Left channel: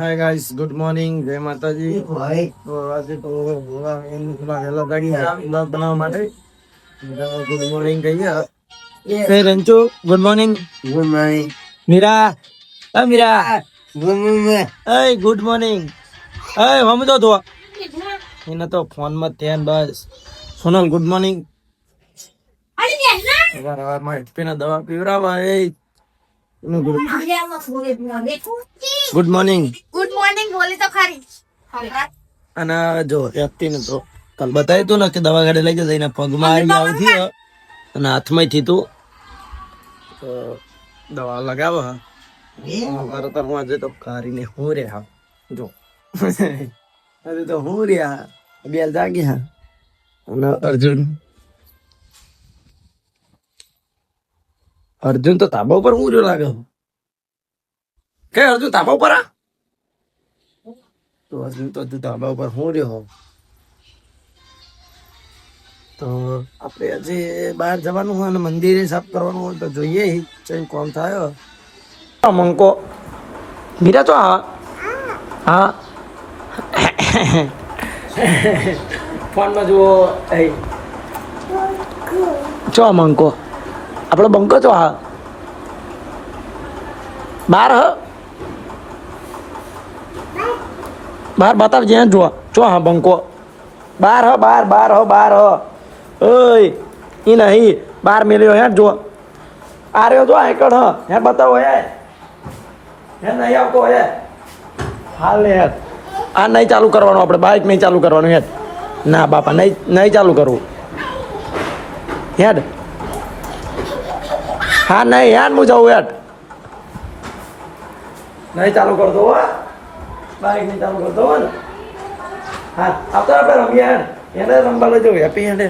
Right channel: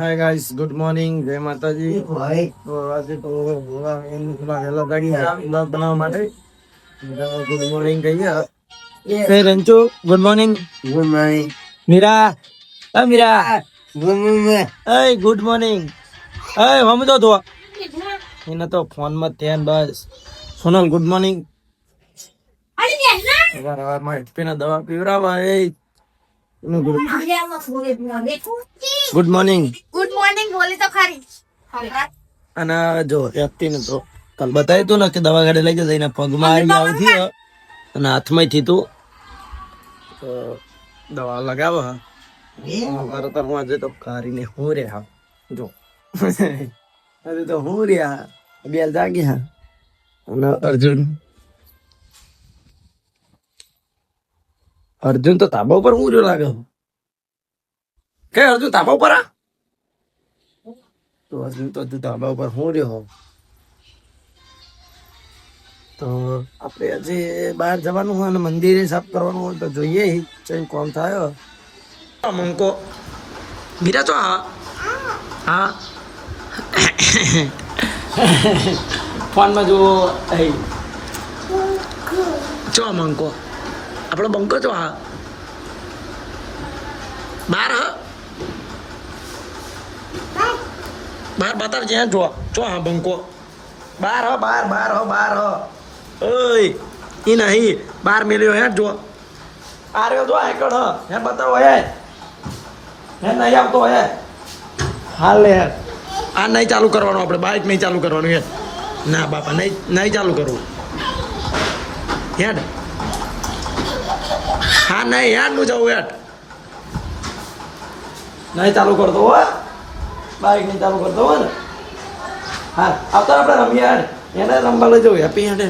Hi guys, good morning, जय माता जी। ભાઈ તો આજે તો એનું થોડા વહેલા જાગી બ્લોગ બનાવવા માટે ગુડ મોર્નિંગ કહીએ. એ રંચુ ગુડ મોર્નિંગ. ગુમાઈ મીરા, એ મીરા, ગુમે એ ગુડ મોર્નિંગ. એ હમજો તો એને તો ફોન માં ધ્યાન બસ. Sonal good morning. સવારમાં એસપી દવા પીવરાવા. એ ગુડ મોર્નિંગ. ગુડ મોર્નિંગ બોલી તો ખરી. અને જો વ્યક્તિને તો કાલ બતાવ્યું તું ને કે દવા ગાડી લઈ જશે એના પગમાં આવીને આવતી અને હાથમાં થી તું દવા લગાવો. મારે તો હું આજે તો કારીને હું રે હા જો આજે તો હું રહ્યા બે જાગી હા. અને અર્જુન તો તાબા ઉપર હું જો લાગે કે અર્જુન તાબા ઉપર આ તો અર્જુન તો ધાબા ઉપર હું રહ્યો. તો આપણે આજે બહાર જવાનું હોય અને મંદિરે સાફ કરવાનું હોય તો જોઈએ કઈ કોમ થાય. મંકો મીરા તો હા ફોનમાં જુઓ. ચો મંકો આપણો બંકો ચો હા બાર હ બાર બતાવ જ્યાં જો ચો હા બંકો બાર હ બાર બાર હો બાર હ ઓય ઈ નહીં બાર મેલ્યો હે જો આ રહ્યો જો એકડ હ હે બતાવો હે નહીં આવતો હે હાલ લે હેર આ નહીં ચાલુ કરવાનું આપણે બાઇક નહીં ચાલુ કરવાનું હેડ ના બાપા નહીં ચાલુ કરવું હેડ હા નહીં યાર હું જાઉં હેડ નહીં ચાલુ કરતો હો બાઇક નહીં ચાલુ કરતો હોય ને હા આવતા આપણે રમીએ હેડ એને રમવા લઈ જવું હેપી હેડે.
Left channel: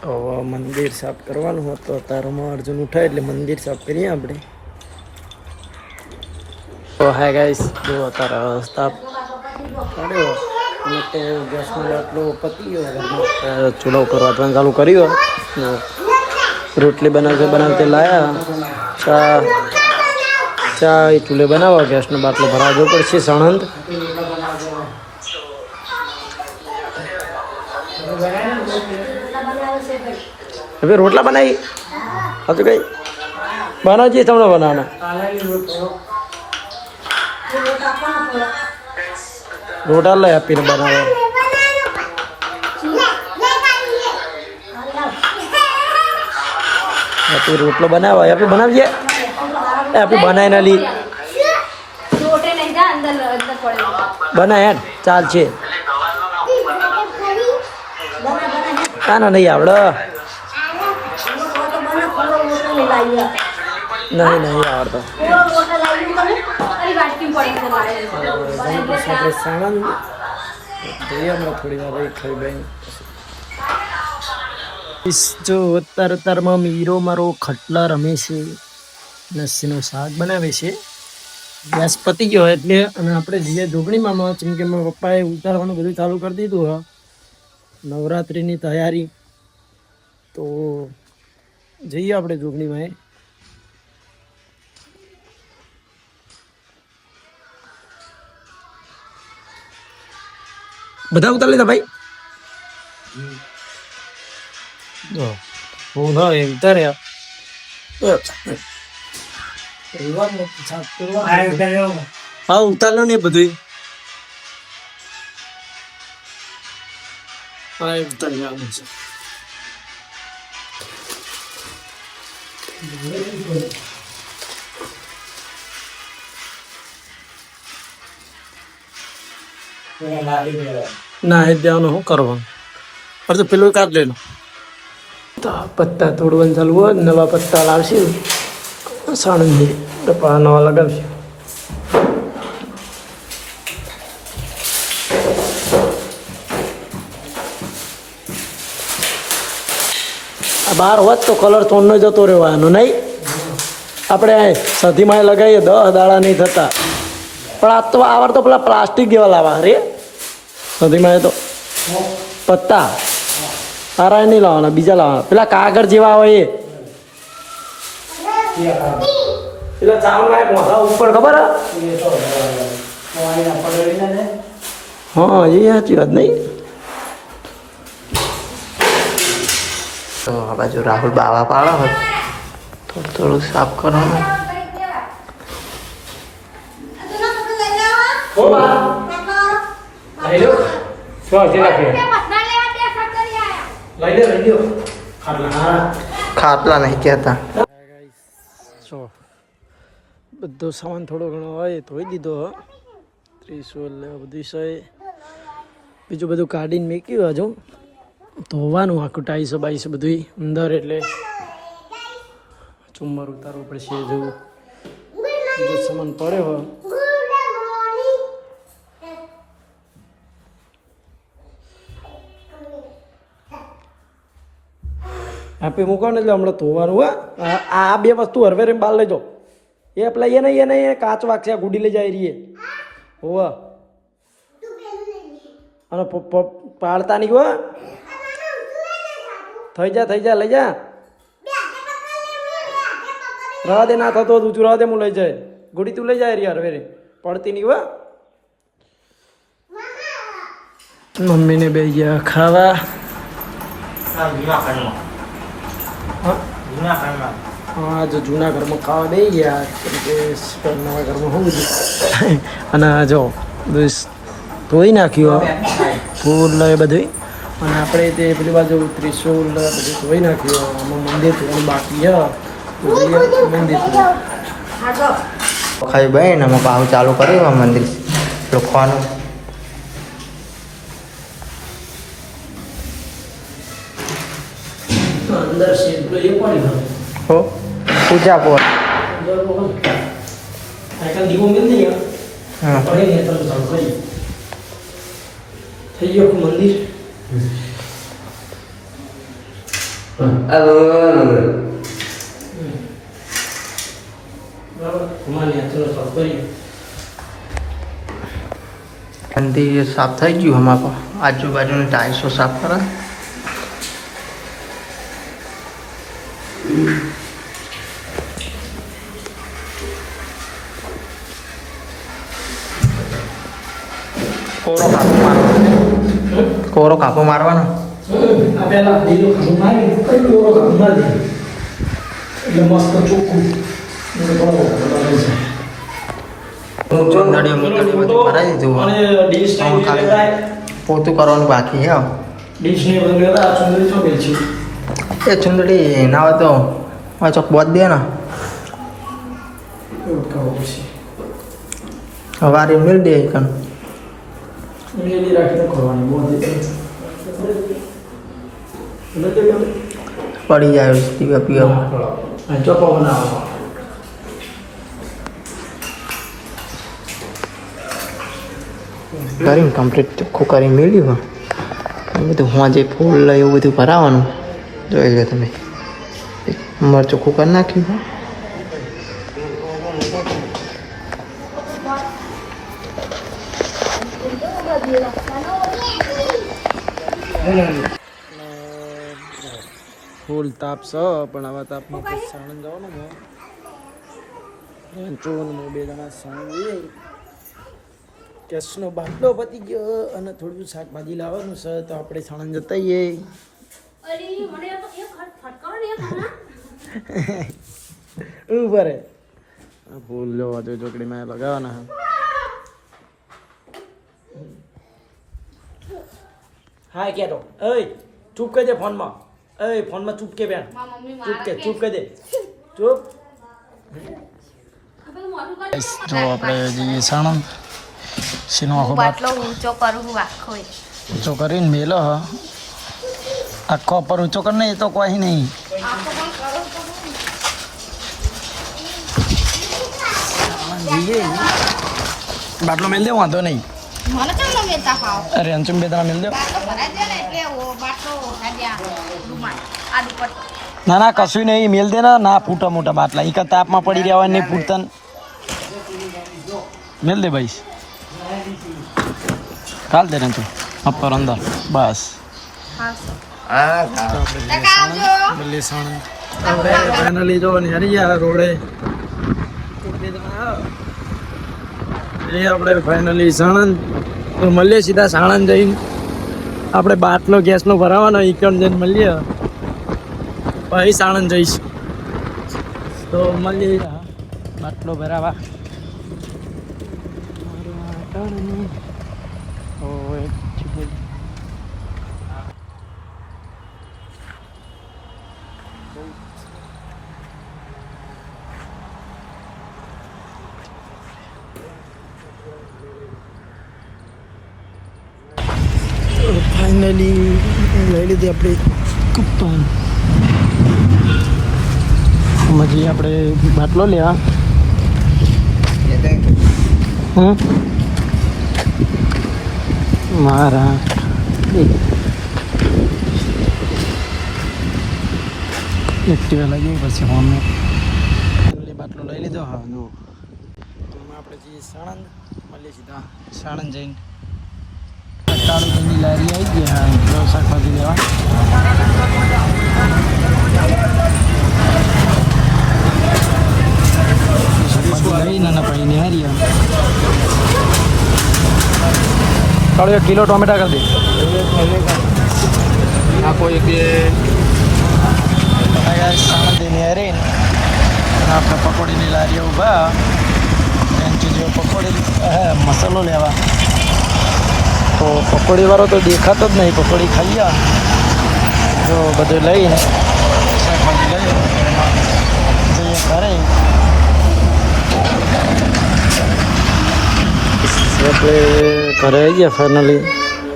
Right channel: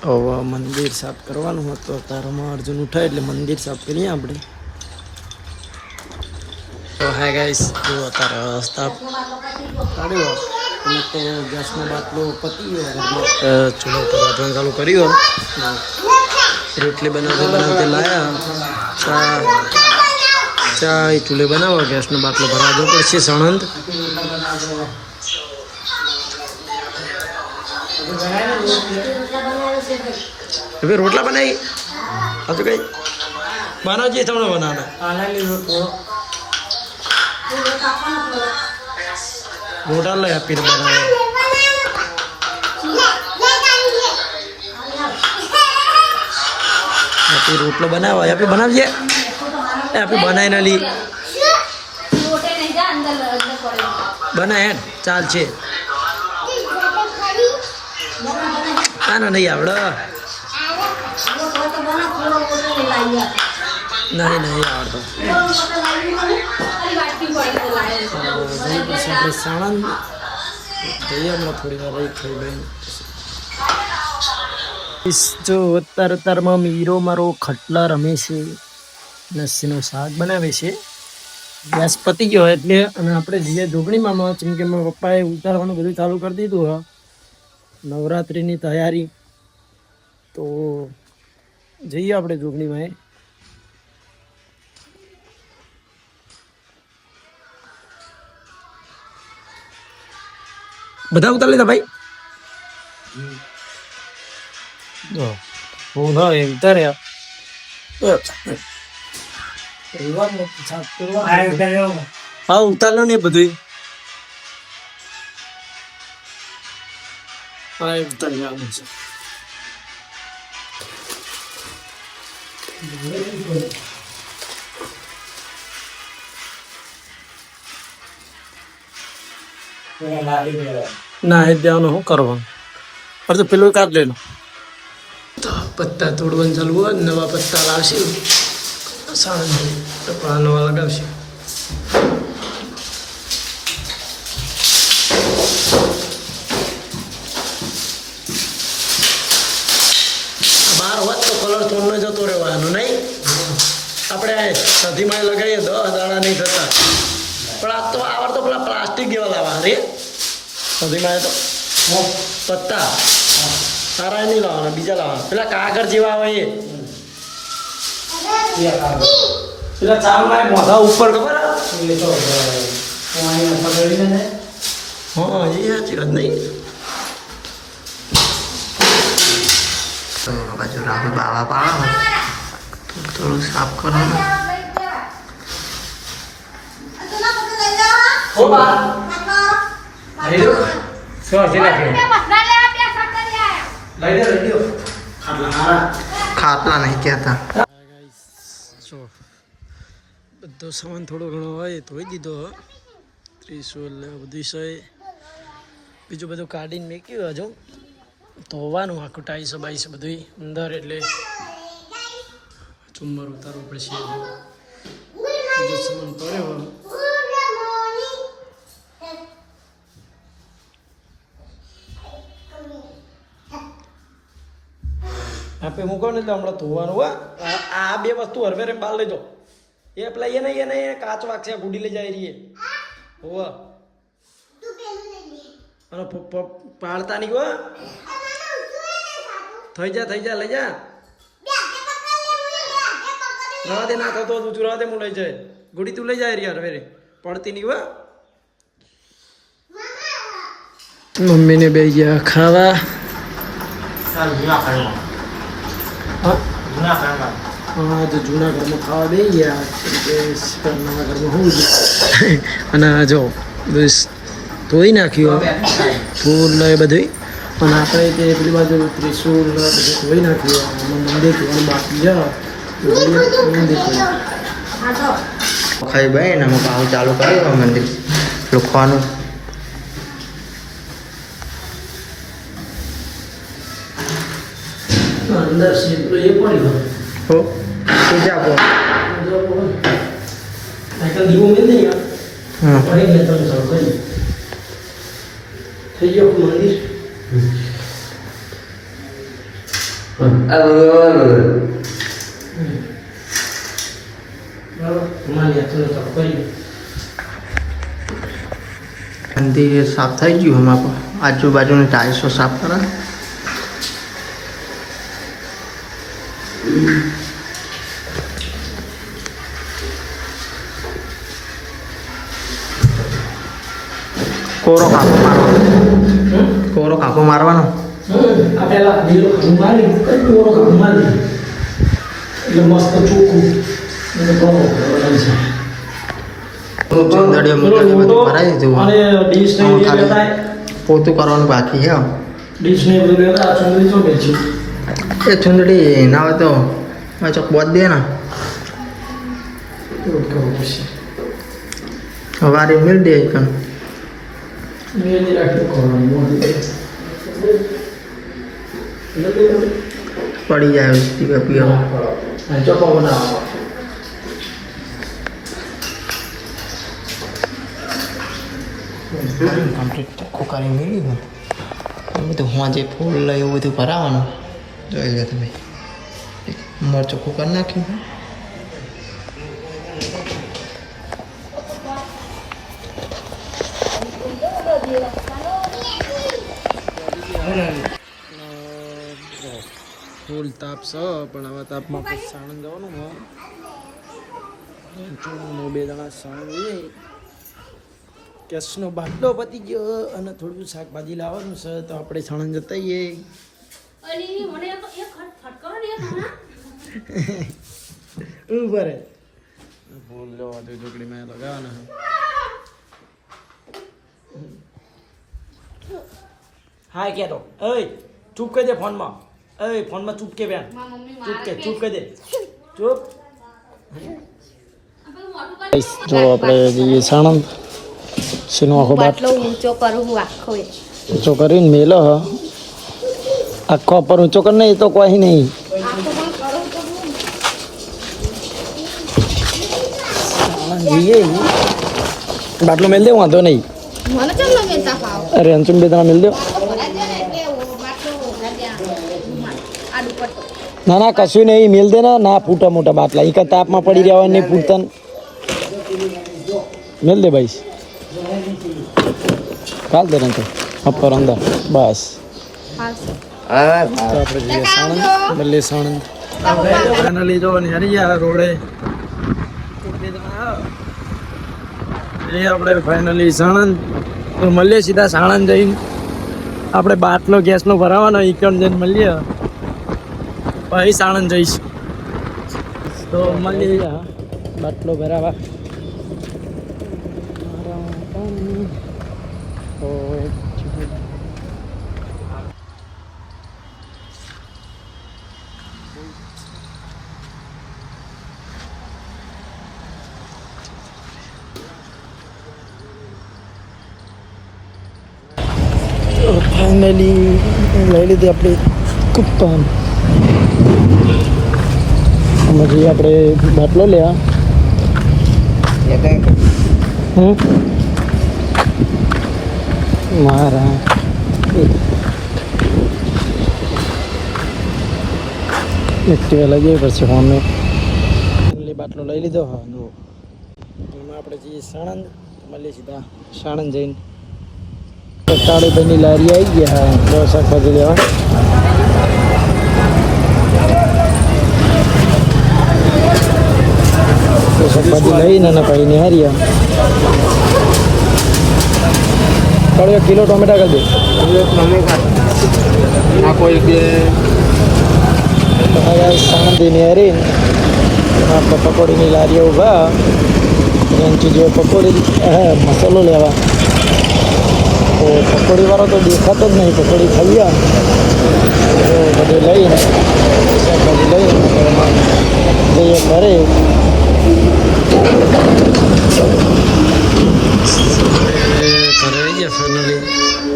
તો મંદિર સાફ કરવાનું હતું તારામાં અર્જુન ઉઠાય એટલે મંદિર સાફ કરીએ આપણે. તો હાય ગાઈસ જો તારા રસ્તા કાઢ્યો અને તે ગેસનો બાટલો પતી ગયો ઘરમાં ચૂલા ઉપર વાંચવાનું ચાલુ કર્યું. રોટલી બનાવતે લાયા ચા એ ચૂલે બનાવો ગેસનો બાટલો ભરાવો પડશે સણંદ. હવે રોટલા બનાવી હજુ કઈ બનાવજે તમને બનાવવાના રોટલા લઈ આપીને બનાવો. આપી રોટલો બનાવો આપી બનાવીએ આપી બનાવી ના લી બનાય હેડ ચાલ છે ના નહીં આવડે નહીં આવડતો. આપણે સાણંદ જઈએ હમણાં થોડી વાર રહી ખાઈ બેન. જો અત્યારમાં મીરો મારો ખટલા રમે છે લસ્સીનું શાક બનાવે છે. ગેસ પતી ગયો એટલે અને આપણે જઈએ જોગણીમાં જેમ કે મારા પપ્પાએ ઉતારવાનું બધું ચાલુ કરી દીધું હા નવરાત્રિની તૈયારી. તો જઈએ આપણે જોગણીમાં. બધા ઉતાર લીધા ભાઈ હું ના એમ ઉતાર્યા હા ઉતારલો ને બધું હા ઉતારી આવે છે. ના એ દેવાનું શું કરવાનું તો પેલું કાઢ લેલો. તો પત્તા તોડવાનું ચાલુ હોય નવા પત્તા લાવશે સાણંદ ટપા નવા લગાવશે. આ બહાર હોત તો કલર થોડનો જતો રહેવાનો નહીં. આપણે સધીમાં લગાવીએ 10 દાડા નહીં થતા પણ આ તો આવડતો પેલા પ્લાસ્ટિક જેવા લાવવા રે સધીમાં તો પત્તા સારા નહીં લાવવાના બીજા લાવવાના પેલા કાગળ જેવા હોય એ પેલા ચાવલ ના મોઢા ઉપર ખબર હા એ સાચી વાત નહીં. તો આ બાજુ રાહુલ બાવા પાડો હોય તો થોડું સાફ કરવાનું. ખાટલા નહીં કહેતા. જો બધો સામાન થોડો ઘણો હોય ધોઈ દીધો ત્રિશુલ બધું છે બીજું બધું કાઢીને મૂક્યું હજુ ધોવાનું આખું ટાઈસો બાઈસો બધું અંદર એટલે ચુમ્મર ઉતારવું પડશે હજુ બીજો સામાન પડ્યો આપી મૂકો ને એટલે હમણાં ધોવાનું હા આ બે વસ્તુ હરવે રહીને બહાર લેજો એ પેલા એને કાચ વાગશે ગુડી લઈ જાય રહીએ હોવા અને પાડતા નહીં હો થઈ જા લઈ જા રવા દે ના થતો તું રવા દે હું લઈ જાય ગુડી તું લઈ જાય યાર હરવે પડતી નહીં હો મમ્મીને બે ગયા ખાવા હા તો જૂના ઘરમાં ખાવા બે ગયા નવા ઘરમાં હું અને જો બધું ધોઈ નાખ્યું ફૂલ એ બધું અને આપણે તે પેલી બાજુ ત્રિશુલ બધું ધોઈ નાખ્યું આમાં મંદિર ધોવાનું બાકી છે તો મંદિર ખાઈ ભાઈ ને અમે કામ ચાલુ કર્યું આ મંદિર લખવાનું. અંદર છે એ પડી હો પૂજા પર આઈકલ દીવો મિલ નહીં હા પડી ગયા તમે ચાલુ કરી થઈ ગયો મંદિર મંદિર સાફ થઈ ગયું અમારા પર આજુબાજુની ટાઈલ્સો સાફ કરે. કોરો કાપો મારવાનો કોરો કાપો મારવાનો આ પેલા લીલો ખાવું મારી કઈ ઓરો ખાવું મારી એટલે મસ્ત ચોખ્ખું ચુંદડીઓ મુંદડીઓ બધું ભરાઈ દીધું અને ડીશ ને હવે ખાલી પોતું કરવાનું બાકી છે. ડીશ ને બધું લેતા ચુંદડી ચોપી છે એ ચુંદડી ના હોય તો આ ચોક બોધ દે ને એવું કરવું પડશે હવારે મિલ દે કન મેલી રાખીને કરવાની બહુ પડી જાય પીવા પીવા ચોખ્ખો બનાવવા કરીને કમ્પ્લીટ ચોખ્ખું કરી મેળવ્યું બધું હું જે ફૂલ એવું બધું ભરાવાનું જોઈ લો તમે મરચું ચોખ્ખું કરી નાખ્યું. ફૂલ તાપ છે પણ આવા તાપમાં પછી સાણંદ જવાનું હું બે જણા સાણંદ જઈએ કેસનો બાટલો પતી ગયો અને થોડું શાકભાજી લાવવાનું છે તો આપણે સાણંદ જતા જઈએ. ઉપર ફૂલ જોવા તો ચોકડીમાં લગાવવાના હા કે તો ઓય ચૂપ કરી દે ફોનમાં ફોનમાં ચૂપ કે બેન ચૂપ કરી દે ચૂપ. જો આપણે જઈએ સાણંદ શેનો આખો બાટલો ઊંચો કરું આખો ઊંચો કરીને મેલો આખો પર ઊંચો કર નહીં તો કોઈ નહીં જઈએ બાટલો મેલ દે વાંધો નહીં મને કેમ ન મેલતા પાવ અરે અંશુમ બે ત્રણ મેલ દો ના ના કશું નહીં મેલ દે ના ફૂટા મોટા બાટલા એક તાપમાં પડી રહ્યા હોય નહીં ફૂટતા મેલ દે ભાઈ કાલ દે તો અપર અંદર બસ તો આપણે જઈએ સાણંદ ભલે સાણંદ આપણે ફાઇનલી જો હરી ગયા રોડે એ આપણે ફાઇનલી સાણંદ તો મળીએ સીધા સાણંદ જઈને આપણે બાટલો ગેસનો ભરાવાનો ઈકણ જઈને મળીએ પછી સાણંદ જઈશ તો મળીએ બાટલો ભરાવા ફાઇનલી લઈ લીધી આપણે કુપ્પન પછી આપણે બાટલો લેવા મારા એક્ટિવા લઈ જઈએ પછી અમે ફાઇનલી બાટલો લઈ લીધો હા જો તો આપણે જઈએ સાણંદ મળીએ સીધા સાણંદ જઈને કાળીભાઈની લારી આવી ગયા હા તો શાકભાજી લેવા શાકભાજી લઈને અને પછી નિહાર્યા કાળો કિલો ટોમેટા કરી દે નાખો એક સામંતી નિહારીને આપણે પકોડીની લારીઓ ઊભા એનાથી જો પકોડી મસાલો લેવા તો પકોડીવાળો તો દેખાતો જ નહીં પકોડી ખાઈ તો બધું લઈને શાકભાજી લઈને એમાં જઈએ ઘરે આપણે ઘરે આવી ગયા ફાઇનલી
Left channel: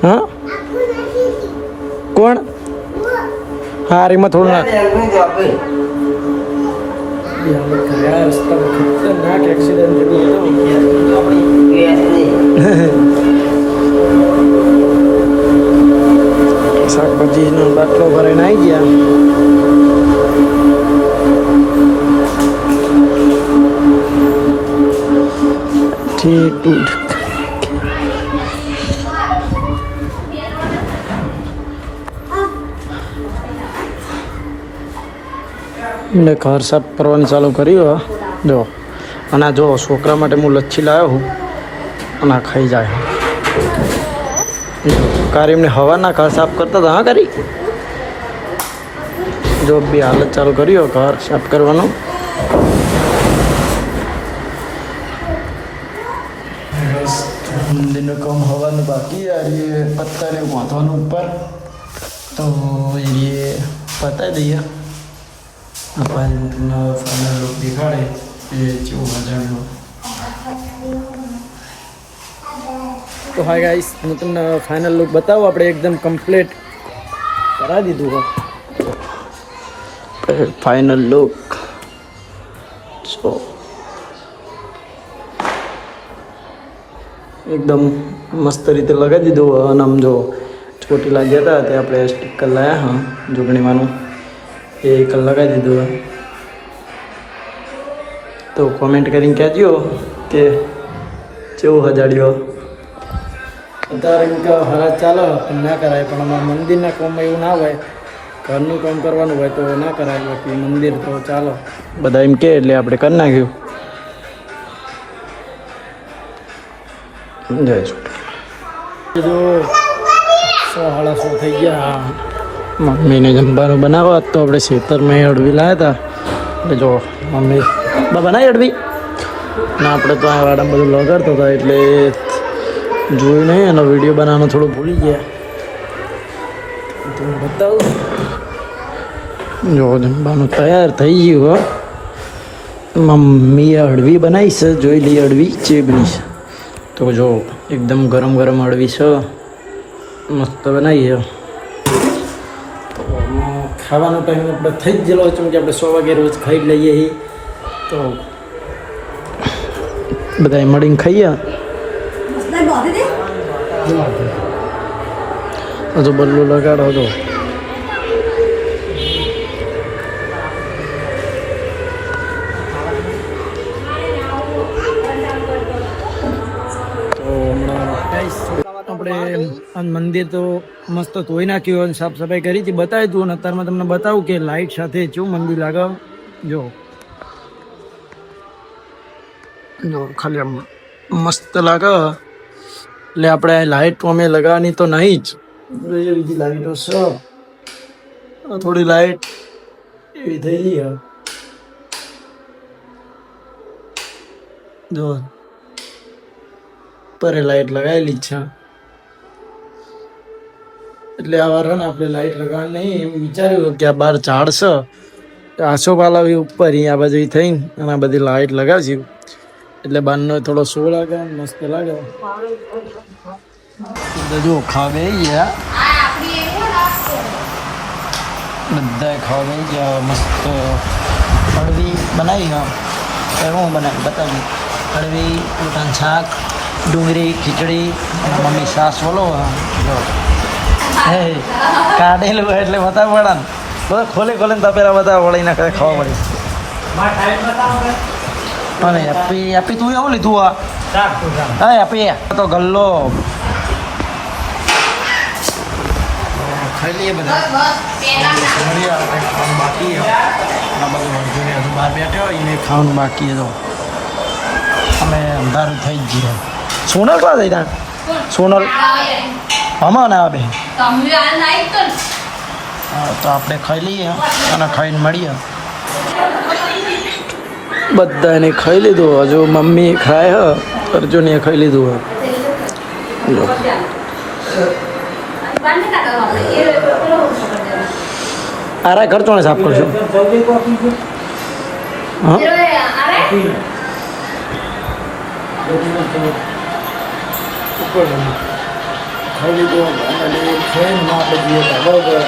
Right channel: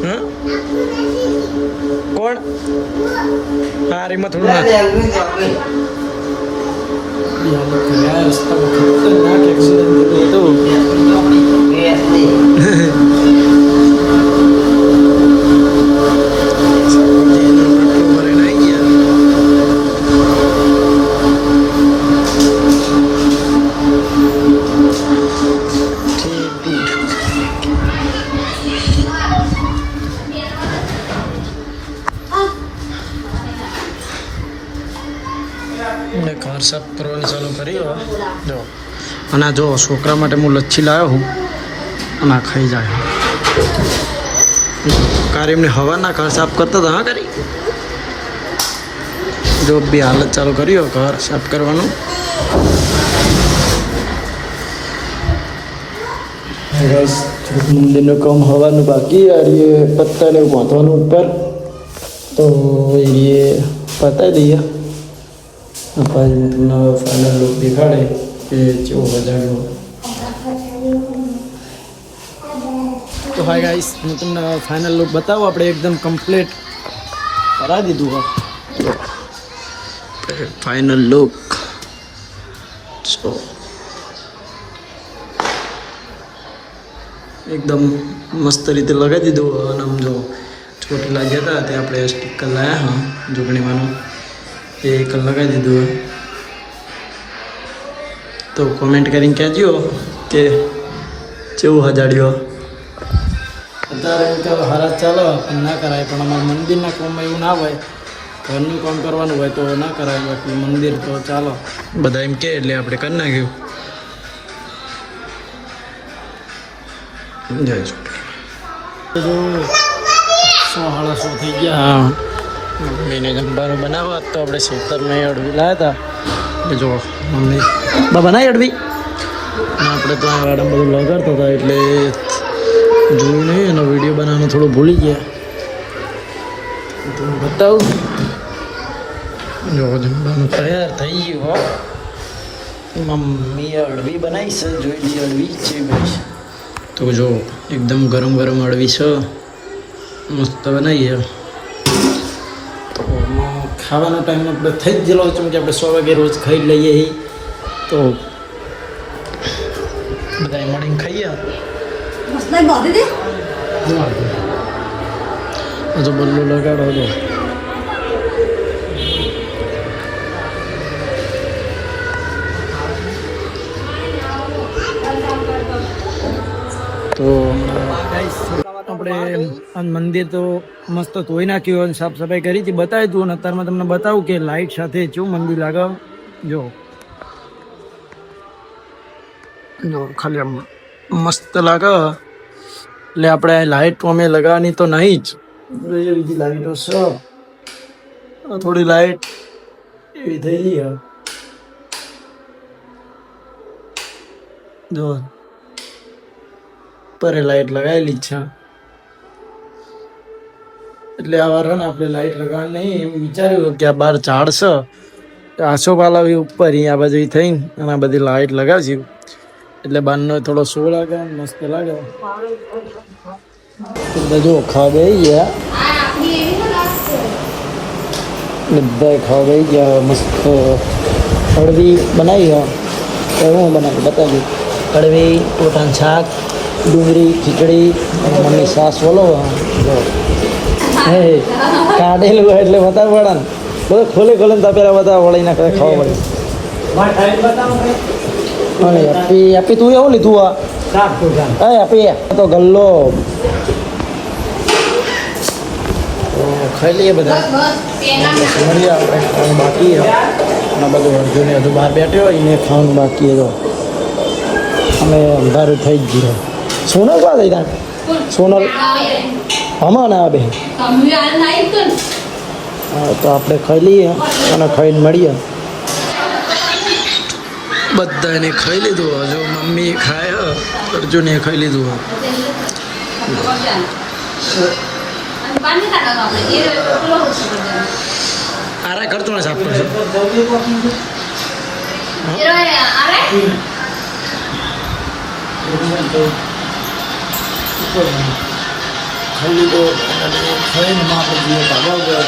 હા કોણ હા રીમાં થોડું નાખ ખતરનાક એક્સિડન્ટ થયું શાકભાજીનો બાટલો ભરીને આવી ગયા મેં ઘર સાફ કરવાની ચાલુ કર્યું જો અને આ જો છોકરા માટે હું લચ્છી લાવ્યો હું અને આ ખાઈ જાય કારી એમને હવાના ઘર સાફ કરતા હતા હા કરી જો બી હાલત ચાલુ કર્યો ઘર સાફ કરવાનું મંદિરનું કામ હવાનું બાકી એ પત્તાને બાંધવાનું ઉપર તો એ પતાવી દઈએ પછી ફાઇનલ લુક દેખાડે કે કેવો મજાનો તો હાય ગાઈસ હું તમને ફાઇનલ લુક બતાવું આપણે એકદમ કમ્પ્લીટ કરાવી દીધું હોય ફાઇનલ લુક સો એકદમ મસ્ત રીતે લગાવી દીધું અને આમ જો ચોટીલા ગયા હતા તે આપણે સ્ટીકર લાવ્યા હા જોગણીમાંનું એ એક લગાવી દીધું તો કોમેન્ટ કરીને કહેજો કે કેવું હજાડ્યો અત્યારે એમ કે હરાજ ચાલે પણ ના કરાય પણ અમારા મંદિરના કામમાં એવું ના હોય ઘરનું કામ કરવાનું હોય તો ના કરાય બાકી મંદિર તો ચાલો બધા એમ કહે એટલે આપણે કરી નાખ્યું જય ચોટી જો 100-150 થઈ ગયા મમ્મીને જમવાનું બનાવવા તો આપણે ખેતરમાં અડવી લાવ્યા હતા એટલે જો મમ્મી બા બનાવી અડવી ના આપણે તો આ વાડામાં બધું લગાડતા હતા એટલે જોયું નહીં એનો વિડીયો બનાવવાનું થોડું ભૂલી ગયા તો હું બતાવું જો જમવાનું તૈયાર થઈ ગયું મમ્મીએ અડવી બનાવી છે જોઈ લઈએ અડવી છે બની તો જો એકદમ ગરમ ગરમ અડવી છે મસ્ત બનાવી છે તો ખાવાનો ટાઈમ આપણે થઈ જ ગયેલો છે કે આપણે 100 વાગે રોજ ખાઈ લઈએ તો બધા મળીને ખાઈએ હજુ બલ્લો લગાડો હતો તો હમણાં આપણે આ મંદિર તો મસ્ત ધોઈ નાખ્યું અને સાફ સફાઈ કરી હતી, બતાવી તું. અને અત્યારમાં તમને બતાવું કે લાઇટ સાથે કેવું મંદિર લાગે. જો જો ખાલી આમ મસ્ત લાગે. એટલે આપણે લાઇટ અમે લગાવવાની તો નહીં જ, બીજી લાઇટો છે. થોડી લાઇટ એવી થઈ ગઈ. જો પરે લાઇટ લગાવેલી જ છે. એટલે આ વાર ને આપણે લાઇટ લગાવવાની નહીં એમ વિચાર્યું કે આ બાર ઝાડ છે, આસોપાલા ઉપર અહીંયા બાજુ થઈ અને આ બધી લાઇટ લગાવશું એટલે બારનો થોડો શો લાગે, મસ્ત લાગે. બધું ખાવા બેસી ગયા, બધા ખાવા બેસી ગયા. મસ્ત હળવી બનાવી. હું બનાવી બતાવી. કડવી ટોટાનું શાક, ડુંગળી, ખીચડી, એના મમ્મી સાસ બોલો. જો હે કાઢેલું હોય એટલે બતાવવું પડે ને. બધું ખોલે ખોલે ને તપેલા બતાવવા પડે, એના કરે ખાવા પડે. અને આપી આપી તું એવું લીધું? હા આપી તો ગલ્લો ખાઈ લઈએ બધા. મળીએ આપણે ખાવાનું બાકી અને બધું અર્જુન હજુ બહાર બેઠો હોય એને ખાવાનું બાકી. તો અમે અંધારું થઈ જ ગયું. સોનલ ક્યાં થઈ ત્યાં? સોનલ હમણાં ને આ બે હા તો આપણે ખાઈ લઈએ અને ખાઈને મળીએ. બધાને ખાઈ લીધું. હજુ મમ્મી ખાય હ, અર્જુને ખાઈ લીધું હ. આરા ઘર તો સાફ કરશો. ખાઈ લીધું. ખાઈને આપણે જઈએ બરાબર.